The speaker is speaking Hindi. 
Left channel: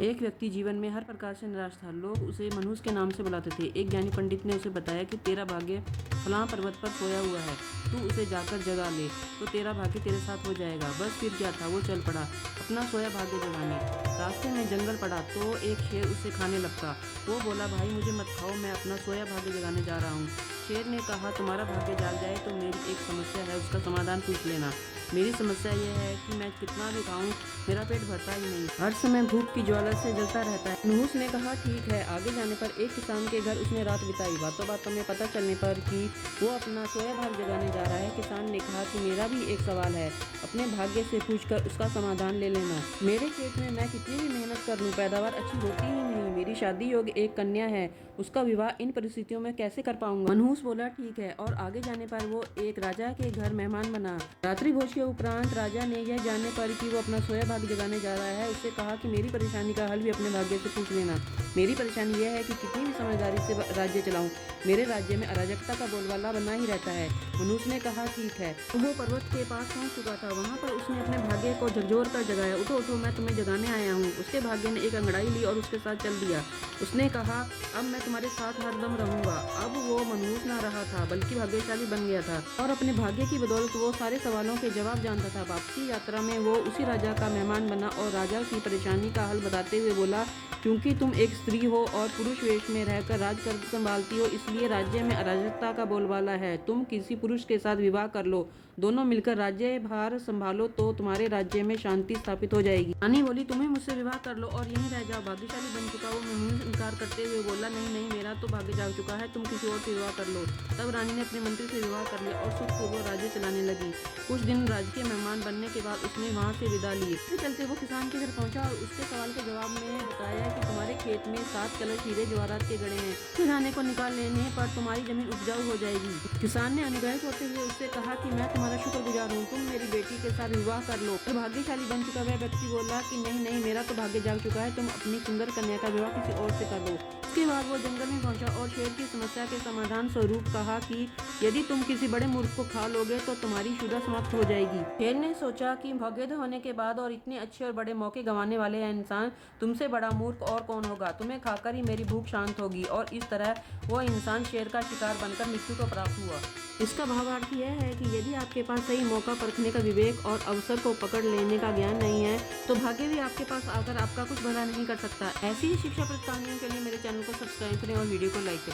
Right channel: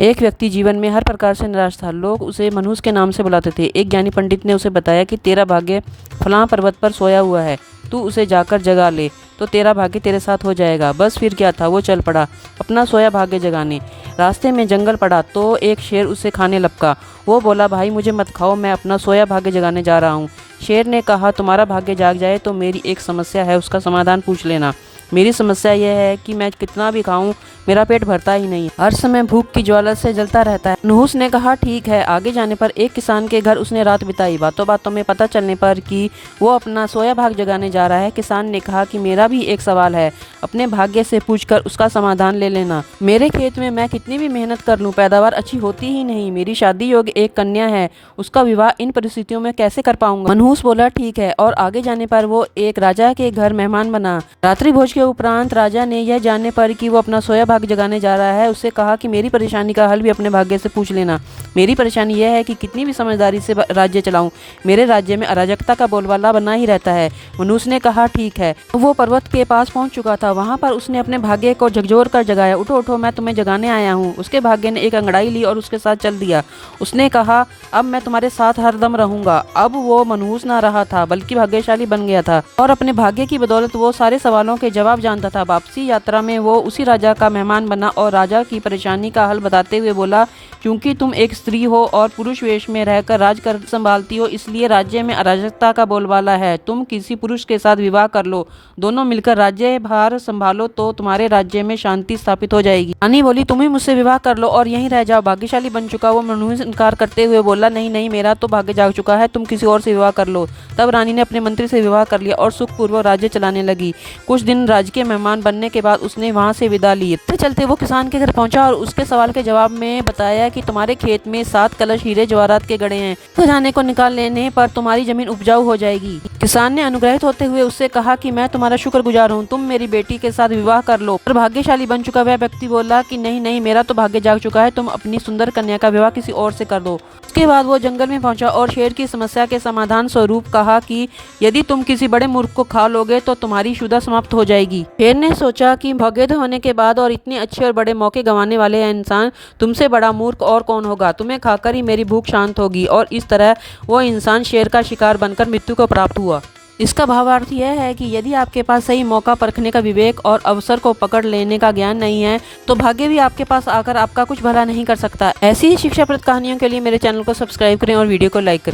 एक व्यक्ति जीवन में हर प्रकार से निराश था। लोग उसे मनहूस के नाम से बुलाते थे। एक ज्ञानी पंडित ने उसे बताया कि तेरा भाग्य फलां पर्वत पर सोया हुआ है, तू उसे जाकर जगा ले तो तेरा भाग्य तेरे साथ हो जाएगा। बस फिर क्या था, वो चल पड़ा अपना सोया भाग्य जगाने। रास्ते में जंगल पड़ा तो एक शेर उसे खाने लपका। वो बोला, भाई मुझे मत खाओ, मैं अपना सोया भाग्य जगाने जा रहा हूँ। शेर ने कहा, तुम्हारा भाग्य जाग जाए तो मेरी एक समस्या है, उसका समाधान पूछ लेना। मेरी समस्या यह है कि मैं कितना भी खाऊं मेरा पेट भरता ही नहीं, हर समय भूख की ज्वाला से जलता रहता है। मनहूस ने कहा, ठीक है। आगे जाने पर एक किसान के घर उसने रात बिताई। बातों बातों में पता चलने पर कि वो अपना सोया भाग जगाने जा रहा है, किसान ने कहा कि मेरा भी एक सवाल है, अपने भाग्य से पूछकर उसका समाधान ले लेना। मेरे खेत में मैं कितनी भी मेहनत कर लूं पैदावार अच्छी होती ही नहीं। मेरी शादी योग्य एक कन्या है, उसका विवाह इन परिस्थितियों में कैसे कर पाऊंगा। मनहूस बोला, ठीक है। और आगे जाने पर वो एक राजा के घर मेहमान बना। रात्रि भोज के उपरांत राजा ने यह जानने पर कि वो अपना सोया भाग्य जगाने जा रहा है, उससे कहा कि मेरी परेशानी का हल भी अपने भाग्य से पूछ लेना। मेरी परेशानी यह है कि कितनी भी समझदारी से राज्य चलाऊं, मेरे राज्य में अराजकता का बोलबाला बना ही रहता है। मनहूस ने कहा, ठीक है। वो पर्वत के पास पहुंच चुका था। वहां पर उसने अपने भाग्य को झकझोर कर जगाया। उठो उठो, मैं तुम्हें जगाने आया हूँ। उसके भाग्य ने एक अंगड़ाई ली और उसके साथ चल दिया। उसने कहा, अब मैं तुम्हारे साथ हरदम रहूंगा। अब वो मनहूस ना रहा था बल्कि भाग्यशाली बन गया था और अपने भाग्य की बदौलत वो सारे सवालों के जवाब जानता था। वापसी यात्रा में वो उसी राजा का मेहमान बना और राजा की परेशानी का हल बताते हुए बोला, क्योंकि तुम एक स्त्री हो और पुरुष वेश में रहकर राज कर संभालती हो, इसलिए राज्य में अराजकता का बोलबाला है। तुम किसी पुरुष के साथ विवाह कर लो, दोनों मिलकर राज्य भार संभालो तो तुम्हारे राज्य में शांति स्थापित हो जाएगी। रानी बोली, तुम ही मुझसे विवाह कर लो और यहीं रह जाओ। भाग्यशाली बन चुका वो मनहूस इनकार करते हुए बोला, नहीं नहीं, मेरा तो भाग्य जाग चुका है, तुम किसी और से विवाह कर लो। तब रानी ने अपने मंत्री से विवाह कर लिया और सुखपूर्वक राज्य चलाने लगी। कुछ दिन राजकीय मेहमान बनने के बाद उसने वहां से विदा ली। चलते वो किसान के घर पहुंचा और उसके सवाल के जवाब में बताया कि तुम्हारे खेत में 7 कलश हीरे जवाहरात के गड़े हैं, खजाने को निकाल लेने पर तुम्हारी जमीन उपजाऊ हो जाएगी। किसान ने अनुग्रहित होते हुए उससे कहा कि मैं तुम्हारा शुक्रगुजार हूँ, तुम मेरी बेटी के साथ विवाह कर लो। पर भाग्यशाली बन चुका वह व्यक्ति बोला कि नहीं नहीं, मेरा तो भाग्य जाग चुका है, तुम अपनी सुंदर कन्या का विवाह किसी और से कर दो। उसके बाद वो जंगल में पहुंचा और शेर की समस्या के समाधान स्वरूप कहा कि यदि तुम किसी बड़े मूर्ख को खा लोगे तो तुम्हारी शुदा समाप्त हो जाएगी। शेर ने सोचा कि भगेद होने के बाद और इतने अच्छे और बड़े मौके गंवाने वाले इंसान तुमसे बड़ा मूर्ख और कौन होगा। तुम्हें खाकर ही मेरी भूख शांत होगी। और इस तरह वो इंसान शेर का शिकार बनकर मृत्यु को प्राप्त हुआ। इसका भावार्थ यह है कि यदि आपके पास सही मौका परखने का विवेक और अवसर को पकड़ लेने का ज्ञान नहीं है तो भाग्य भी आपके पास आकर आपका कुछ भला नहीं कर सकता। ऐसी ही शिक्षाप्रद कहानियों के लिए मेरे चैनल को सब्सक्राइब करें और वीडियो को लाइक करें।